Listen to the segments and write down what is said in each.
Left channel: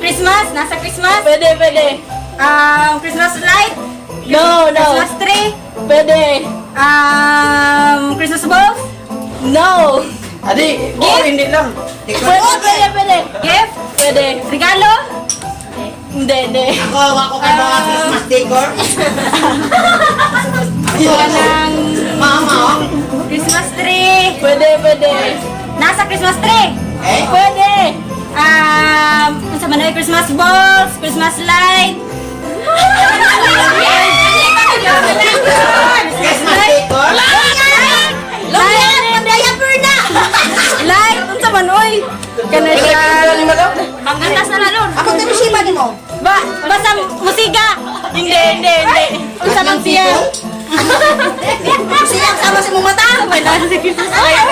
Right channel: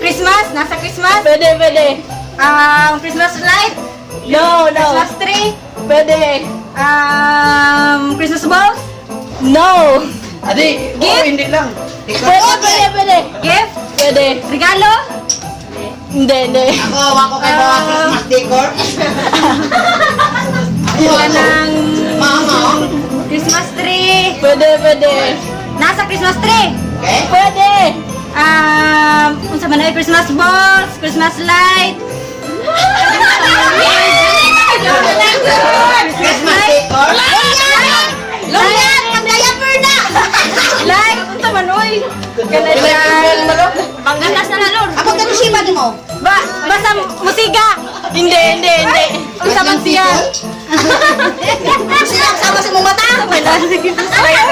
Christmas? Nasa Christmas? Pwede. Christmas light? No. Christmas tree? Pwede. Christmas balls? No. Adi, hindi lang. Pwede. Gift? Pwede. Regalo? Hindi. Ako kayo mga Christmas decor. Kanang Christmas tree? Pwede. Nasa Christmas tree? Pwede. Unsa man ay Christmas balls, Christmas light. Christmas decor. Light, unsa man oy? Kana siya. Ang ganas na lalo. Ako ganun siya ni mo. Basta musiga. Hindi. Unsa man siya? Sila sama sa mong mata. Wala sa Christmas light.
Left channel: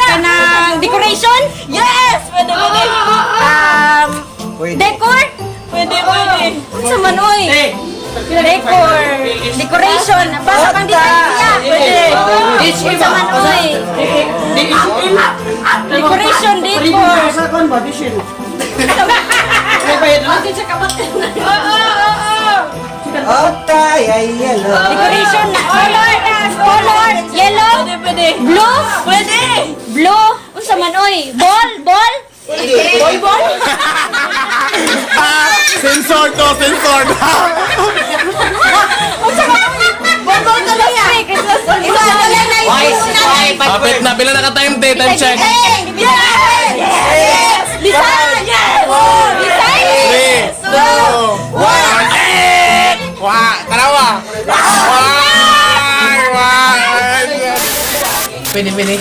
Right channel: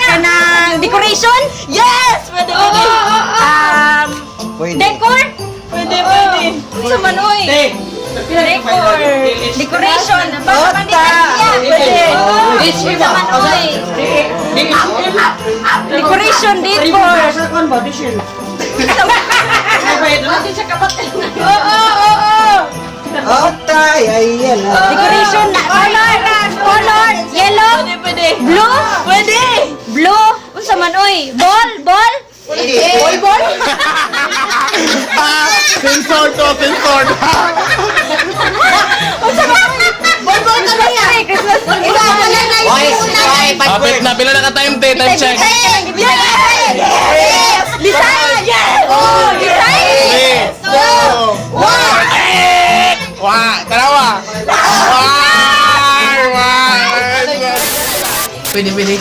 Kanang decoration? Yes! Pwede. Decor? Pwede. Unsa man oy? Decor. Decoration. Basta Basta. pang design niya. Pwede. Unsa man oy? Decoration, decor. Okay, ayan. Decoration na color, yellow, Pwede. blue, Pwede. blue, unsa man oy? Ball. Ball. Sensor to. Ball ka ba yan? Christmas. Kapit na, pila na ka-time day, time check. Design. Design. 3, 2, 1, dalawa. Pwede.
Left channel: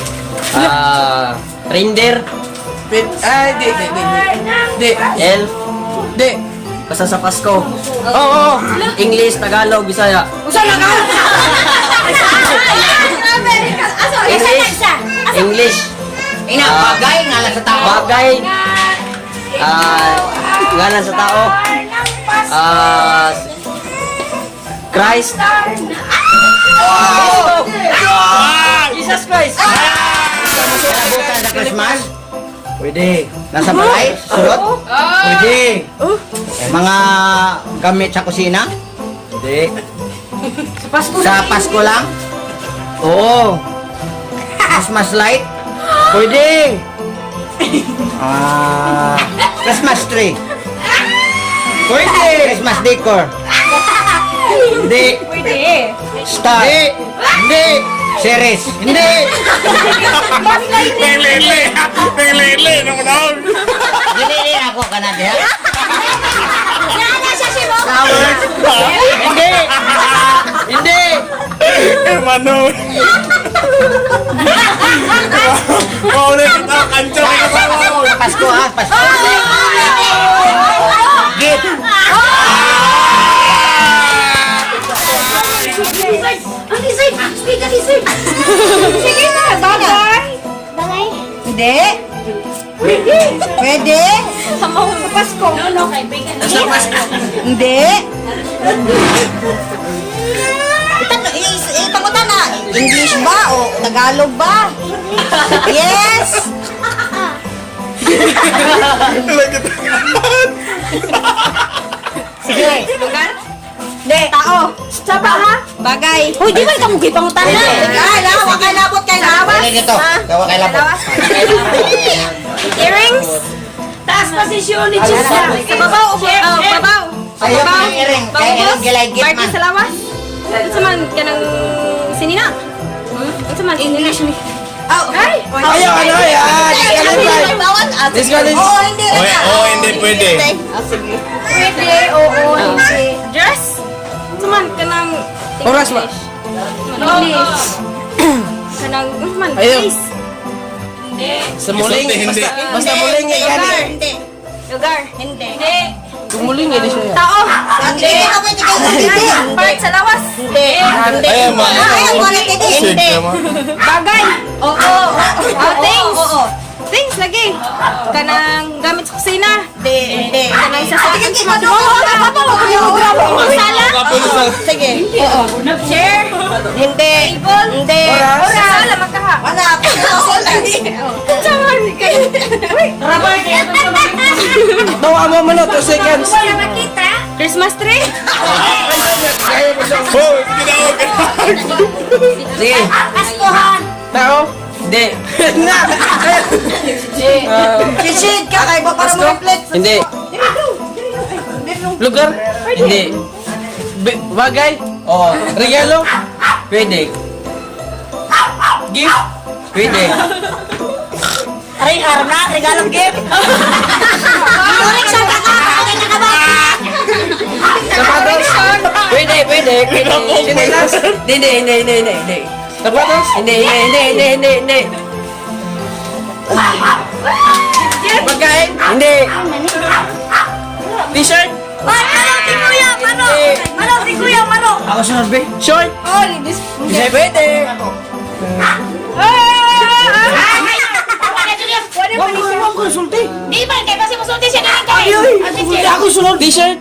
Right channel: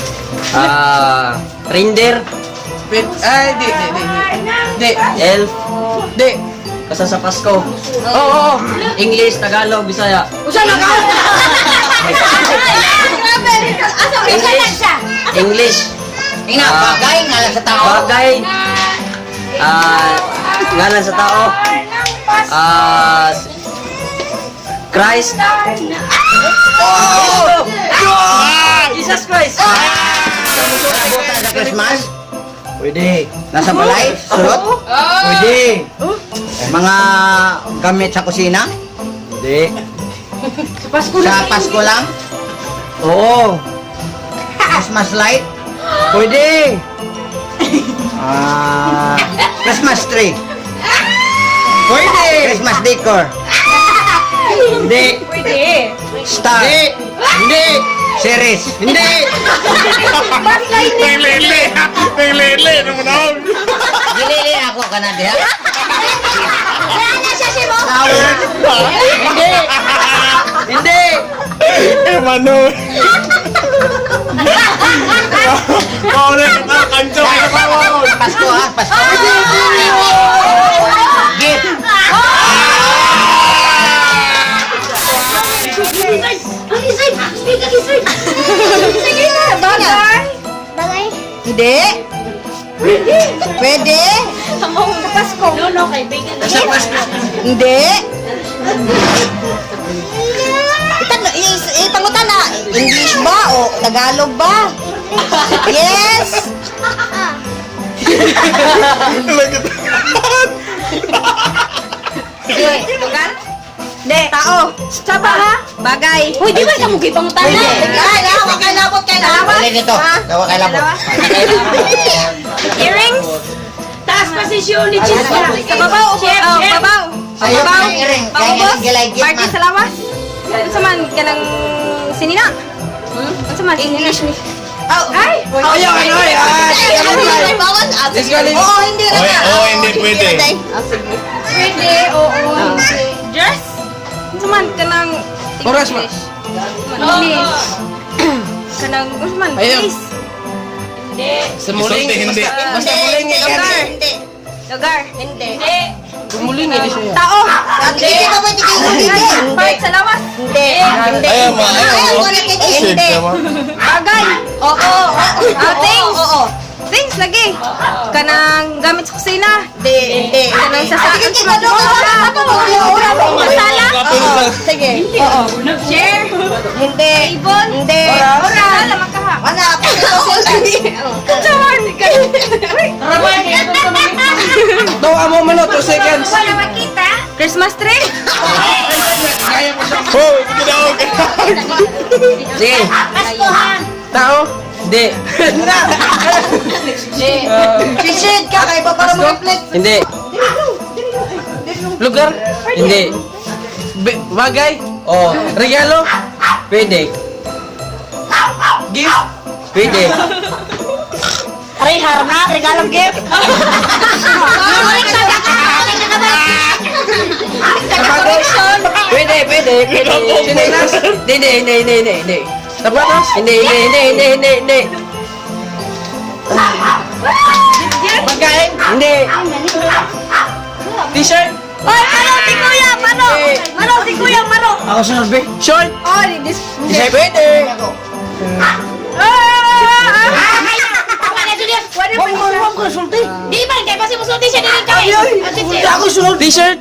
Reindeer, Di. elf, Di. basta sa Pasko. Oo. English, Tagalog, Bisaya. English, Ina, bagay nga lang sa tao. bagay, ngalan sa tao, Christ, Cristo, Jesus Christ. Buta sa Christmas. Pwede. Nasa balay, surot. Pwede. Mga gamit sa kusina. Hindi. Sa Pasko lang. Oo. Christmas light. Pwede. Christmas tree. Pwede. Christmas decor. Hindi. Pwede. Star. Hindi. Series. Hindi. Lele naman ako. Gilili ako ka na diha. Hindi. Hindi. Mano. Ulit ka tayo, kancho ka kasama ko. Pasko ha, Pasko. Gift. Sige na, bagay. Hindi. Pwede. Sa Pasko. Hindi. Itangutan na. English ba o Tagalog ba? Yes. Sige, lugar? Hindi. Tao. Saba ha? Bagay. Uy, di ba ka mong gipangutan na? Kay labot kay labot. Pwede dito. Dawa kay labot. Earrings? Taas posisyon ni Chisa. Sa babaw. Babaw. Sa Ayaw babaw. ng earring. Kaya Pangubos. naggalay-git Party man. sa lawas. Unsa man kanang sinina? Unsa man sinina? Ay! Ayaw. Let's go. Oo, hindi na. Hindi pwede. Pwede, oo. Dress? Unsa man kanang Oras ba? English? English. Kanang unsa man face? Sa muling. Hindi. Basta muling yan. Lugar. Lugar. Hindi. Muling yan siya. Tao. Hindi ka pwede kayo hindi. Part sa lawas. Hindi. Ayaw mo. Ayaw mo na kayo. Hindi. Bagay. Oo. Things. Things. lagi. Kanang gamit sa kusina. Hindi. Kanang sasakyan. Sige, Sala. Sige. Oo. Share. Hindi. Hindi. Sala magkaha. Wala. Kutsaan. Tawa mo man 2 seconds. Christmas tree. Oh, sige na ako. Sige. Tao. Hindi. Shishid ka kay ba para ma-reflect? Hindi. Lugar. Hindi. Bagay. Oh, Regalo. pwede. Gift. Pwede. Aray, harap na. Regalong gift. Pwede, pwede. Hindi. Sapatos. Hindi. Pagkain. Hindi. T-shirt. Ako sunod, be. Short. Hindi pwede. T-shirt.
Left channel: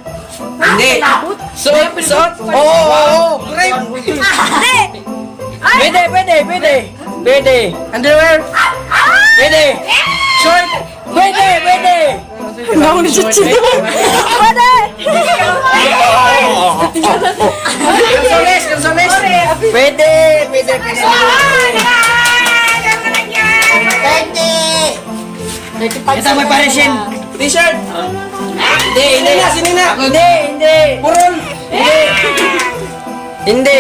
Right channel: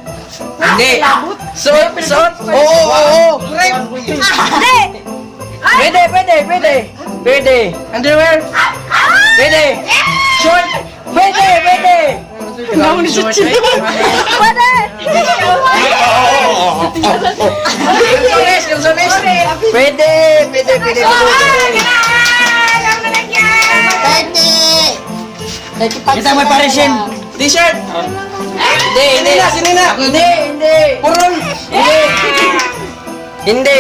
Hindi. Suot. Oo. Pwede. Underwear. Pwede. Short. Pwede. Consoles. Pwede. Kita may paresin. T-shirt. Hindi. Sinina. Hindi. Purol. Hindi.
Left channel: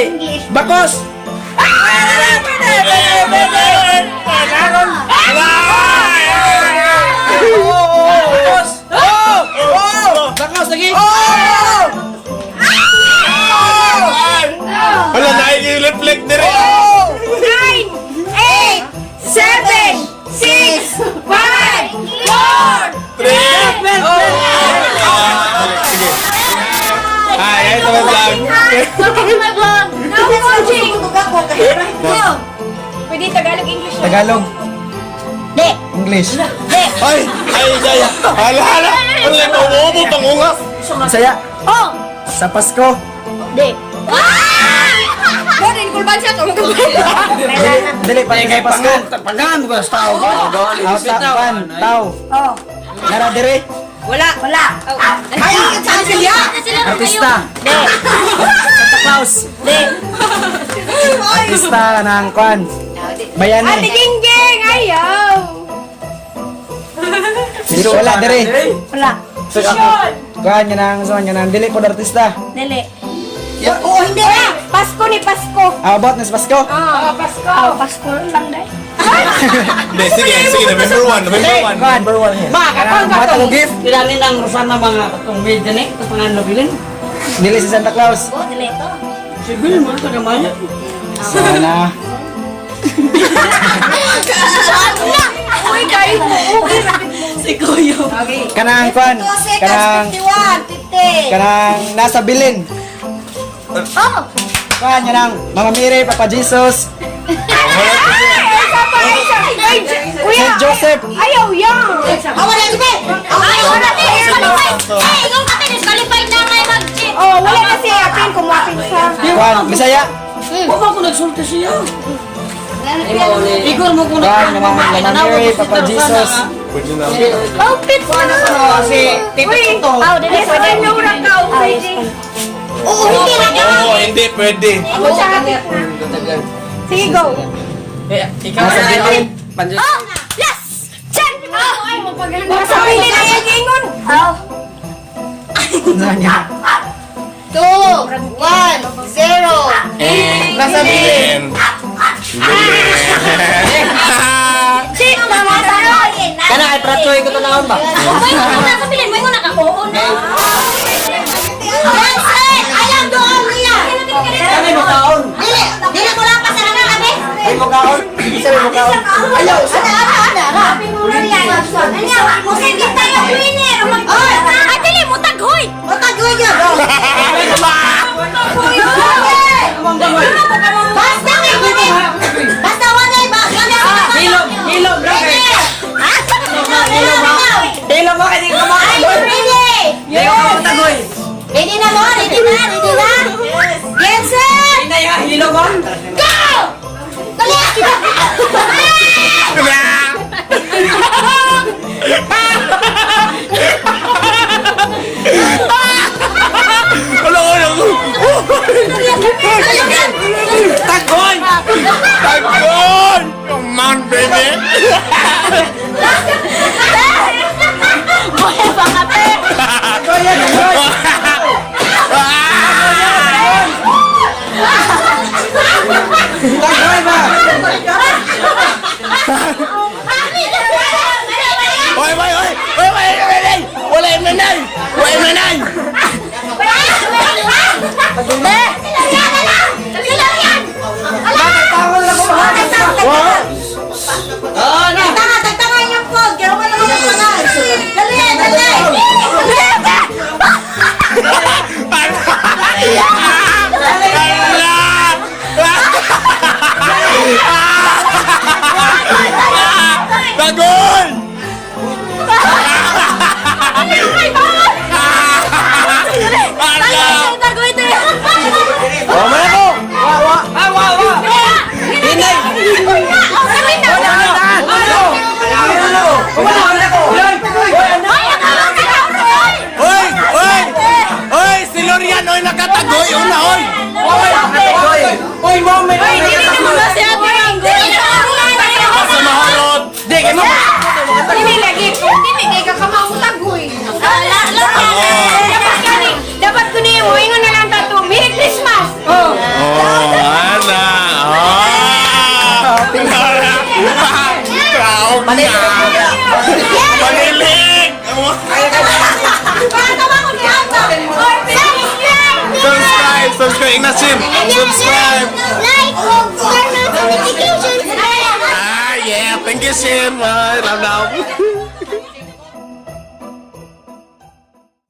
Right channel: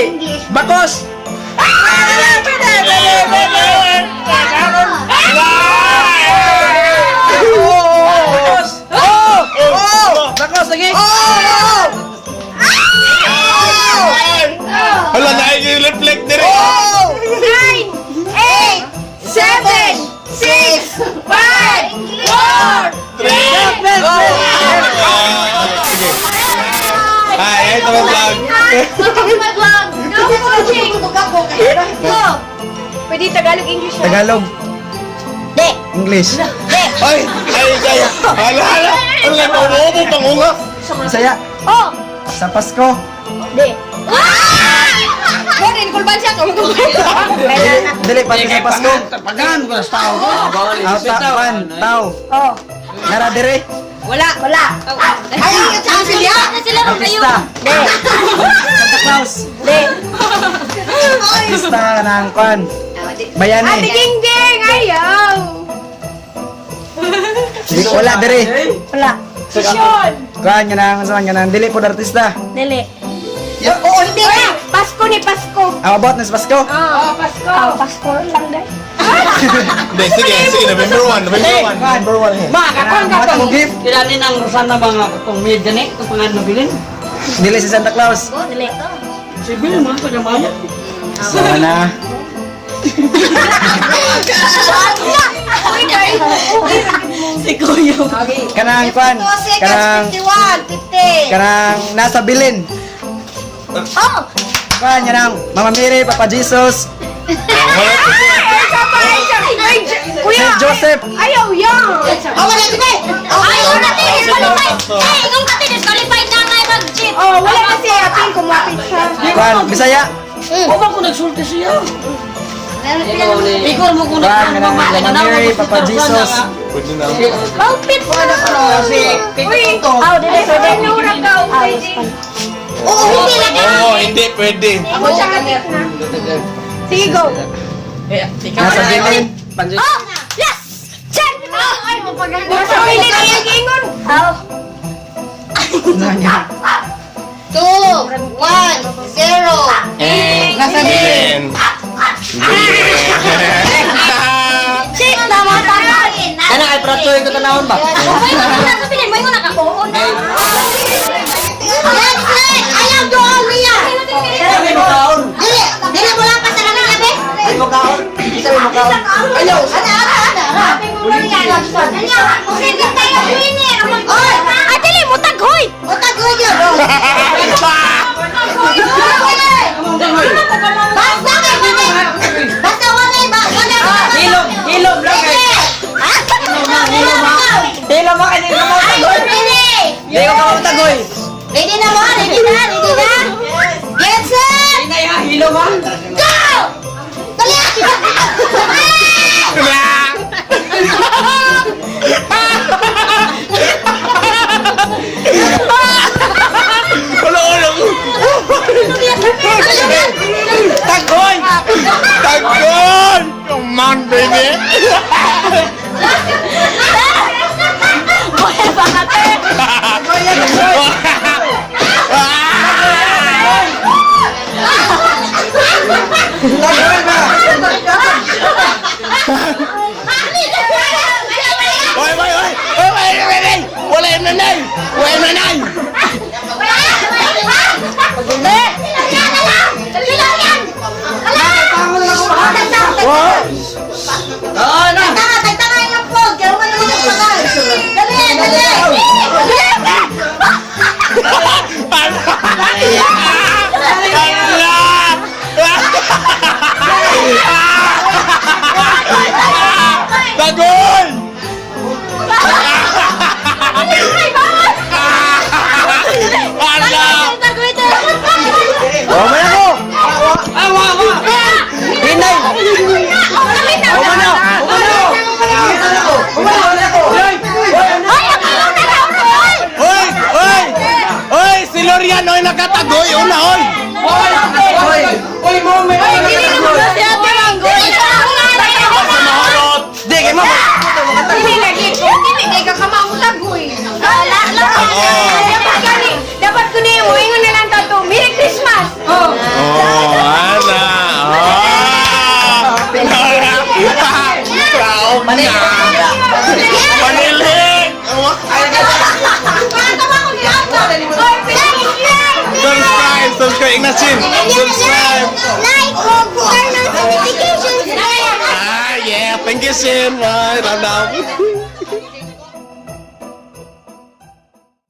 Bakos. Bakos lagi. Hala, nakikireflect din rin. 9, 8, 7, 6, 5, 4. Sige. Ay, ito may vlog. Pwede Tagalog, English. Tagalog. English. Ay, gaya. Hala. Ano lang, nauubo, pangunga. Saya. Oh! Sa Pasko. Di. Borin, kulban siya. Dili, pati sa Pasko. Takpan. Tao. Oh. Nara dire. Wala. Ayaw ka sa siya. Artista. Di. Santa Claus. Di. Artista ng kwan. Ate Bayani. Gingging, ayaw. Wala dire. Wala. Kwan nga nang dili po artista. Dili. Oo, hindi na. Pasko ni Pasko. About na sa Pasko. Oh, Pasko. Oh, Pasko lang dahil. Hindi, sige. November 1. Number 1 here. Matang gift. Kilani ng Rosana mga kung may gani, kung pangano bilin. Dili si Santa Claus. Dili. Sibil mo, taga-maya. Sana. Kanang kwan. 2 Kanang seconds, 51, 50. kanang nasa bilin. Kwan yan ang Mama Mary, Papa Jesus, Saint Joseph. Ayaw yan. Wala, sige. Oh, wala kasi apil kumapit siya. Kwan, Bisaya. Huwag ako nagsulti siya. Figure mo kung Kwan, kanang Mama Mary, Papa Jesus. Pwede na. Outfit ko na ko. kasi tito to. Oh, dili pwede. Oo, hindi na. Oo, hindi pwede. Sige, go. Nasa bilin. Panjus. Yes! Check! Ay, mapaganda. Nasa pwede na yung gingon. Oh. 2, 1, 0. Nasa Bilin. Check! Tama sa akin. Kana ay pratoy ko tanawon ba? May nasa pilin mo yung nakakuon na. Yes, sir. Ayaw doon niya. Kami mo kaon. Dili mo lang pasara na kami. Ay mo kaon. Isa mo kaon. Ayaw. Ada. Sige tayo, winner. Ay, dili mo taghoy. O tago yun. Basta Basta wala ba? Hilog, bro. Hilo mo, hindi ka Are you ready? Hindi ka makatagoy. Ready na mo? Ready na? Ready na? Get set! Hindi na yan, hilo mo. Go! Dali! Tagon! Tagon! Come on, baby! Buhay pa kate! Oi, oi, oi! Oi, oi, oi, oi! Wala yung nanay! Wala yung nanay! Oo na. Tanga yung phone. Kaya wala naman yung panay. Dali, dali. Tagon! Alam! Oh, may ako! Hoy! Hoy! Hoy! Si Lorian oy nakatagoy! Una, hoy! Uy, moment. Basta mahorot! Dili lagi. Dili kay ka kamaulag-uy. Dapat ko niyo mo ingon na lang tato. Merry Christmas. Oh. Oh, ana! Traog na! Panilig! Subscribe! Subscribe! Ignasin! Subscribe! Like, turn on notifications. Ah, yeah! Thank you, Sin! Bye! Ram